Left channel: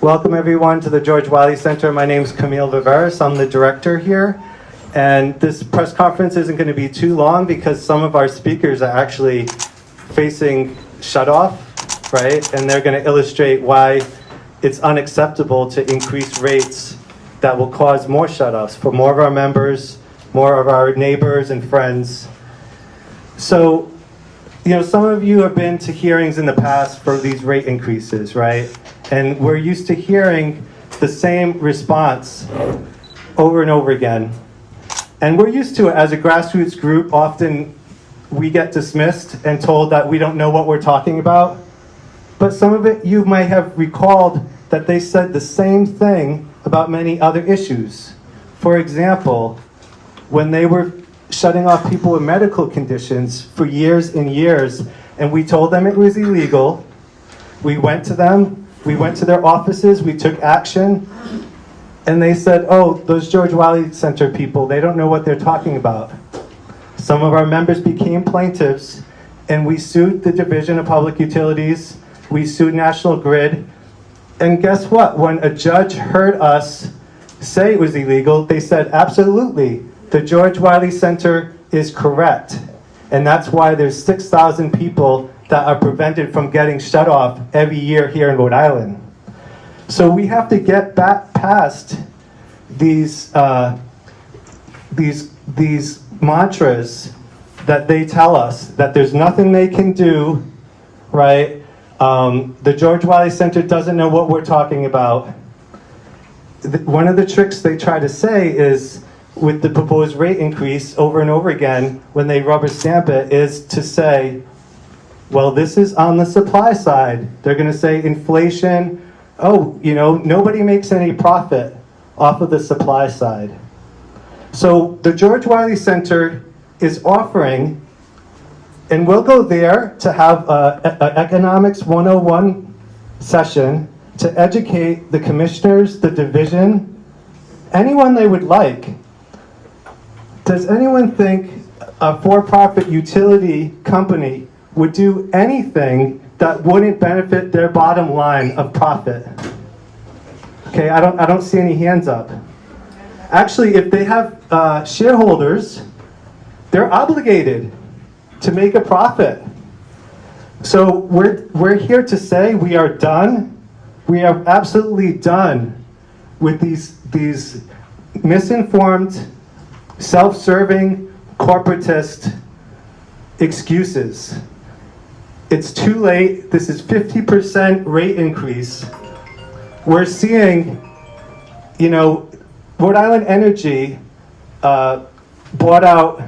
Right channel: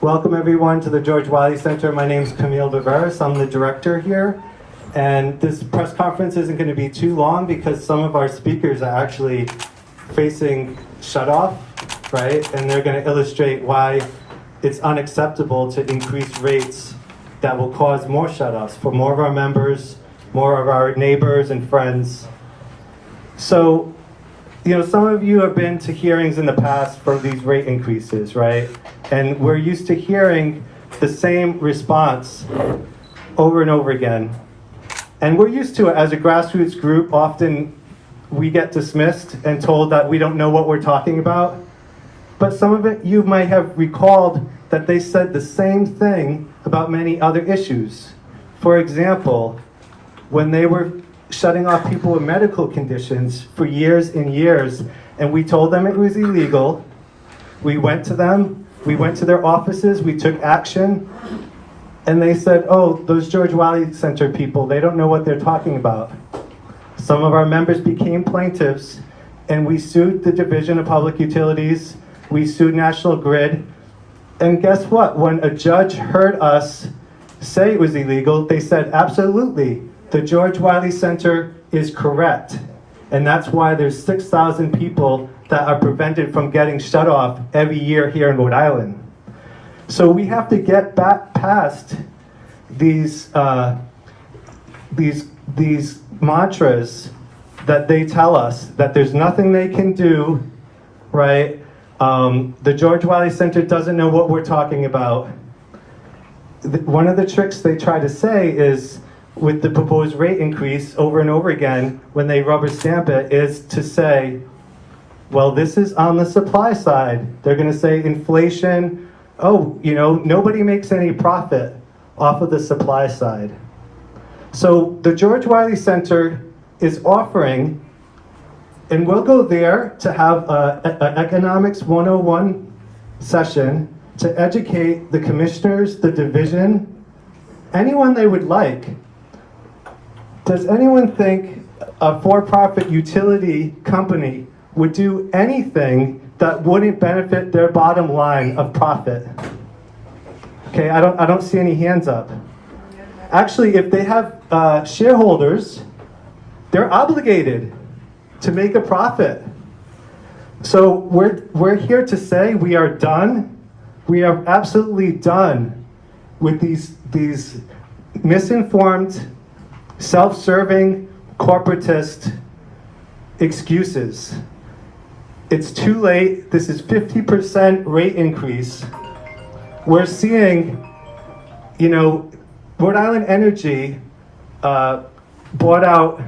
Welcome everyone to the George Wiley Center. My name is Camille Vavares. I'm the director here. And this press conference isn't going to be too long because some of our speakers are actually facing shutoff, right? And they're going to illustrate why it's unacceptable to increase rates that will cause more shutoffs for more of our members, more of our neighbors and friends. So, some of you have been to hearings in the past for these rate increases, right? And we're used to hearing the same response over and over again. And we're used to it as a grassroots group. Often we get dismissed and told that we don't know what we're talking about. But some of it you might have recalled that they said the same thing about many other issues. For example, when they were shutting off people with medical conditions for years and years, and we told them it was illegal, we went to them, we went to their offices, we took action, and they said, oh, those George Wiley Center people, they don't know what they're talking about. Some of our members became plaintiffs, and we sued the Division of Public Utilities, we sued National Grid, and guess what? When a judge heard us say it was illegal, they said, absolutely, the George Wiley Center is correct. And that's why there's 6,000 people that are prevented from getting shut off every year here in Rhode Island. So we have to get back past these mantras that they tell us that there's nothing they can do, right? The George Wiley Center doesn't know what we're talking about. One of the tricks they try to say is, with the proposed rate increase over and over again, when they rubber stamp it, is to say, well, this is on the supply side. They're going to say inflation, nobody makes any profit off of the supply side. So the George Wiley Center is offering, and we'll go there to have an Economics 101 session to educate the commissioners, the division, anyone they would like. Does anyone think a for-profit utility company would do anything that wouldn't benefit their bottom line of profit? Okay, I don't see any hands up. Actually, if they have shareholders, they're obligated to make a profit. So we're here to say we are done. We are absolutely done with these misinformed, self-serving, corporatist excuses. It's too late. This is 50% rate increase. We're seeing, Rhode Island Energy bought out,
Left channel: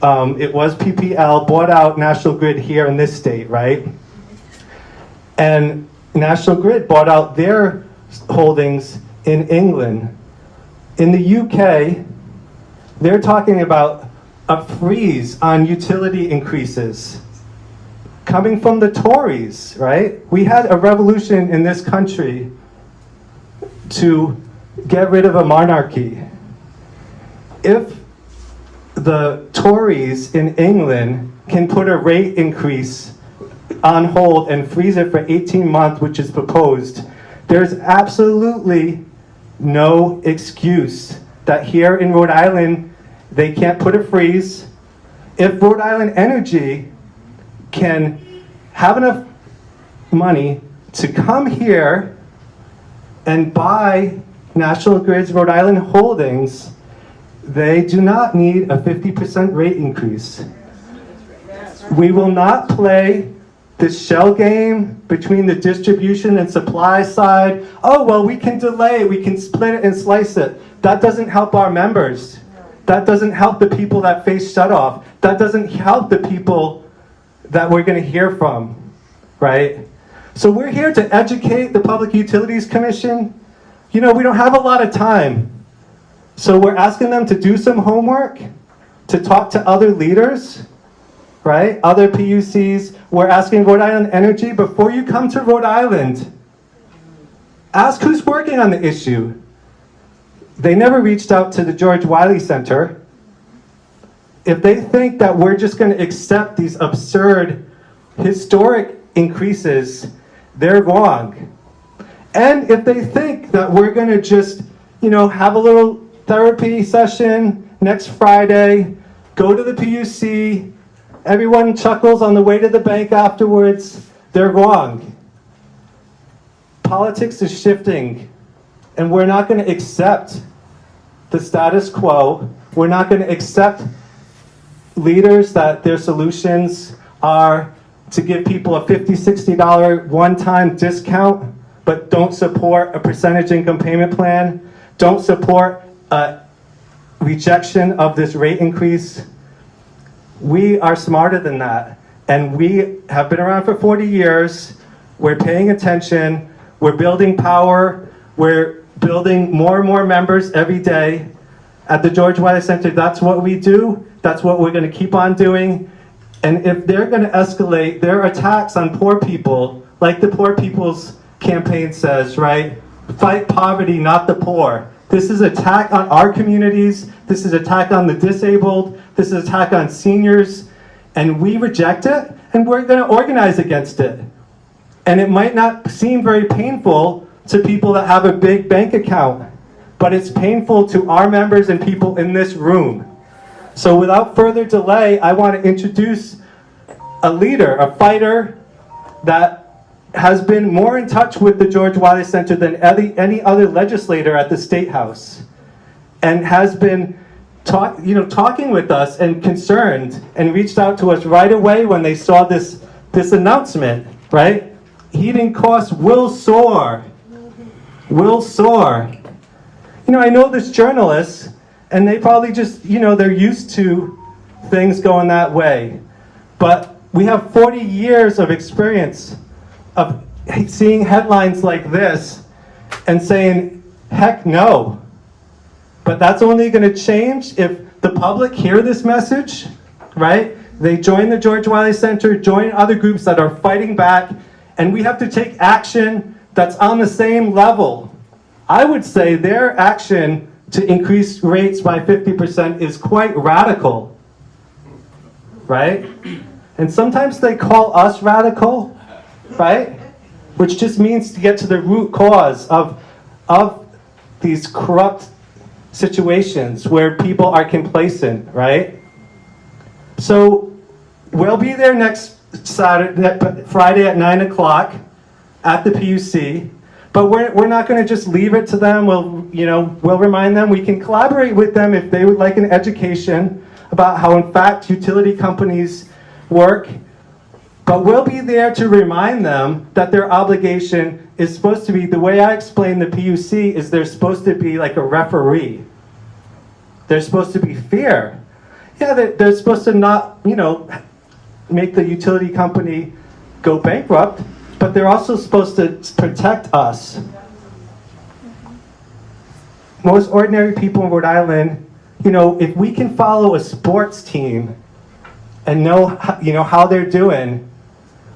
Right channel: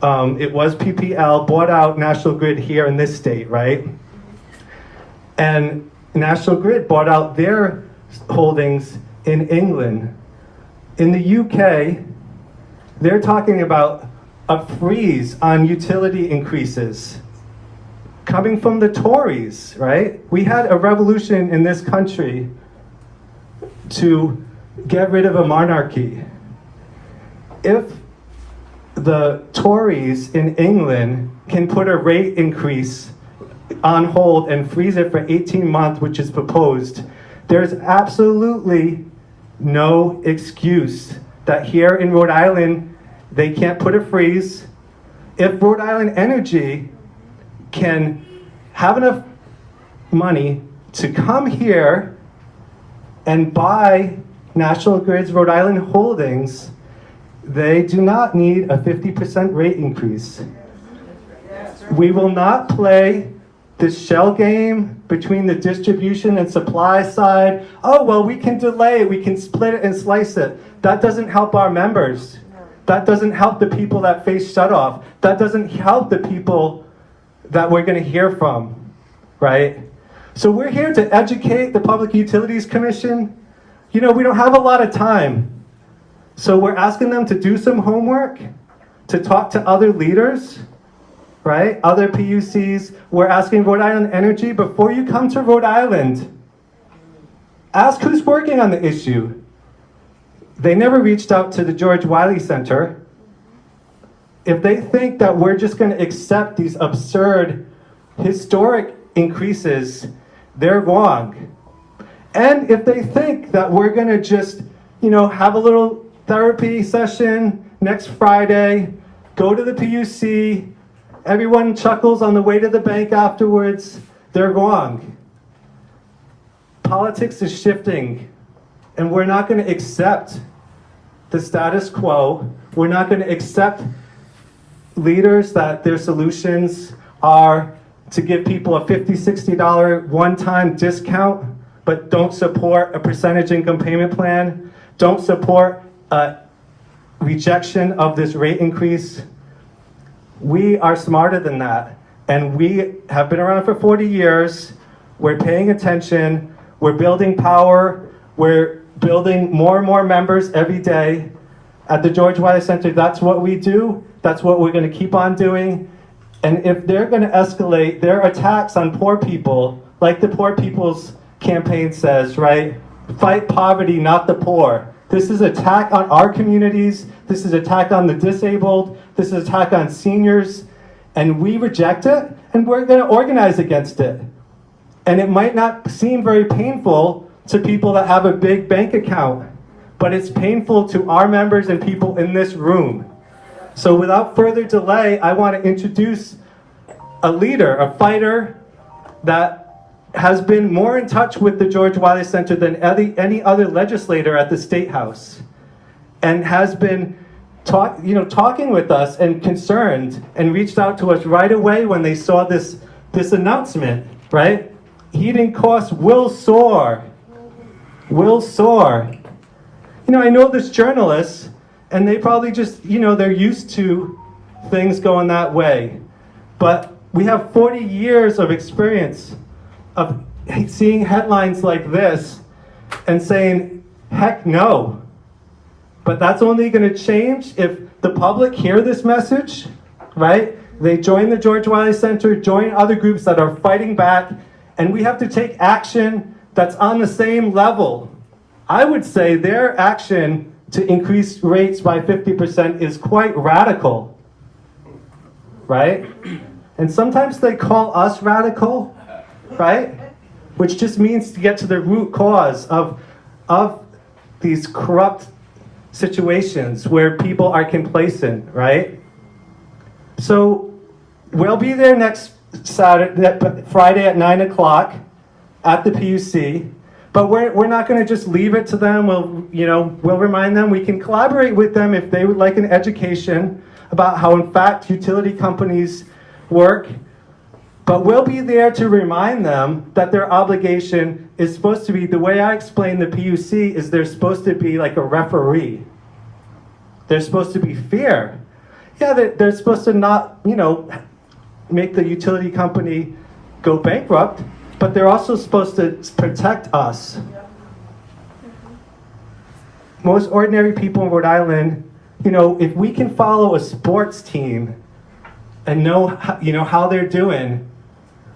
it was PPL, bought out National Grid here in this state, right? And National Grid bought out their holdings in England. In the UK, they're talking about a freeze on utility increases coming from the Tories, right? We had a revolution in this country to get rid of a monarchy. If the Tories in England can put a rate increase on hold and freeze it for 18 months, which is proposed, there's absolutely no excuse that here in Rhode Island, they can't put a freeze. If Rhode Island Energy can have enough money to come here and buy National Grid's Rhode Island holdings, they do not need a 50% rate increase. We will not play this shell game between the distribution and supply side. Oh, well, we can delay, we can split it and slice it. That doesn't help our members. That doesn't help the people that face shutoff. That doesn't help the people that we're going to hear from, right? So we're here to educate the Public Utilities Commission. We don't have a lot of time. So we're asking them to do some homework, to talk to other leaders, right? Other PUCs. We're asking Rhode Island Energy, before you come to Rhode Island, ask who's working on the issue. They never reached out to the George Wiley Center. If they think that we're just going to accept these absurd, historic increases, they're wrong. And if they think that we're going to just, have a little therapy session next Friday, go to the PUC, everyone chuckles on the way to the bank afterwards, they're wrong. Politics is shifting, and we're not going to accept the status quo. We're not going to accept leaders that their solutions are to give people a $50, $60 one-time discount, but don't support a percentage income payment plan, don't support a rejection of this rate increase. We are smarter than that, and we have been around for 40 years. We're paying attention, we're building power, we're building more and more members every day. At the George Wiley Center, that's what we do, that's what we're going to keep on doing. And if they're going to escalate their attacks on poor people, like the Poor People's Campaign says, right? Fight poverty, not the poor. This is attack on our communities. This is attack on the disabled. This is attack on seniors. And we reject it, and we're going to organize against it. And it might not seem very painful to people that have a big bank account, but it's painful to our members and people in this room. So without further delay, I want to introduce a leader, a fighter that has been more in touch with the George Wiley Center than any other legislator at the State House, and has been talking with us and concerned, and reached out to us right away when they saw this announcement, right? Heating costs will soar. Will soar. I know this journalists, and they probably just, they're used to things going that way. But we have 40 years of experience of seeing headlines like this and saying, heck no. But that's only going to change if the public hear this message, right? They join the George Wiley Center, join other groups that are fighting back, and we have to take action that's on the same level. I would say their action to increase rates by 50% is quite radical, right? And sometimes they call us radical, right? Which just means to get to the root cause of these corrupt situations where people are complacent, right? So we'll be there next Friday at 9 o'clock at the PUC. But we're not going to just leave it to them. We'll remind them. We can collaborate with them if they would like an education about how, in fact, utility companies work. But we'll be there to remind them that their obligation is supposed to be, the way I explain the PUC is they're supposed to be like a referee. They're supposed to be fair. Yeah, they're supposed to not, make the utility company go bankrupt, but they're also supposed to protect us. Most ordinary people in Rhode Island, if we can follow a sports team and know how they're doing,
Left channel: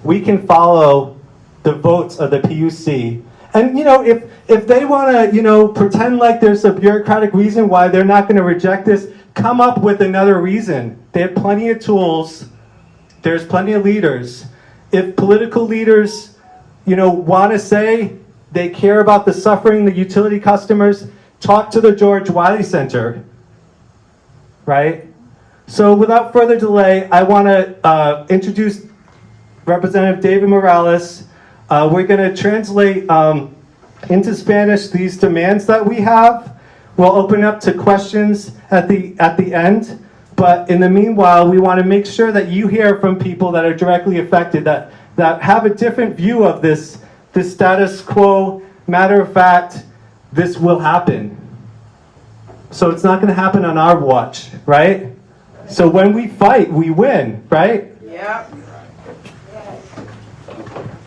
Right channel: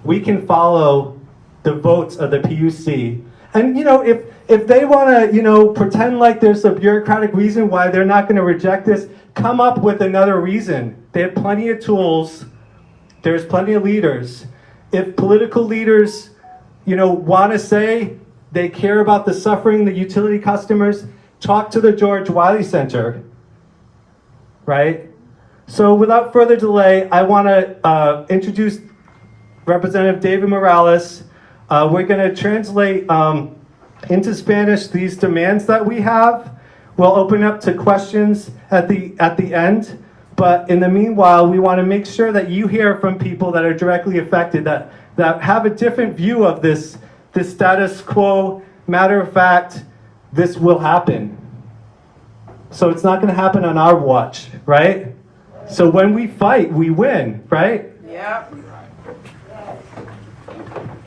we can follow the votes of the PUC. And if they want to pretend like there's a bureaucratic reason why they're not going to reject this, come up with another reason. They have plenty of tools. There's plenty of leaders. If political leaders want to say they care about the suffering, the utility customers, talk to the George Wiley Center, right? So without further delay, I want to introduce Representative David Morales. We're going to translate into Spanish these demands that we have. We'll open up to questions at the end. But in the meanwhile, we want to make sure that you hear from people that are directly affected, that have a different view of this status quo. Matter of fact, this will happen. So it's not going to happen on our watch, right? So when we fight, we win, right? Yeah.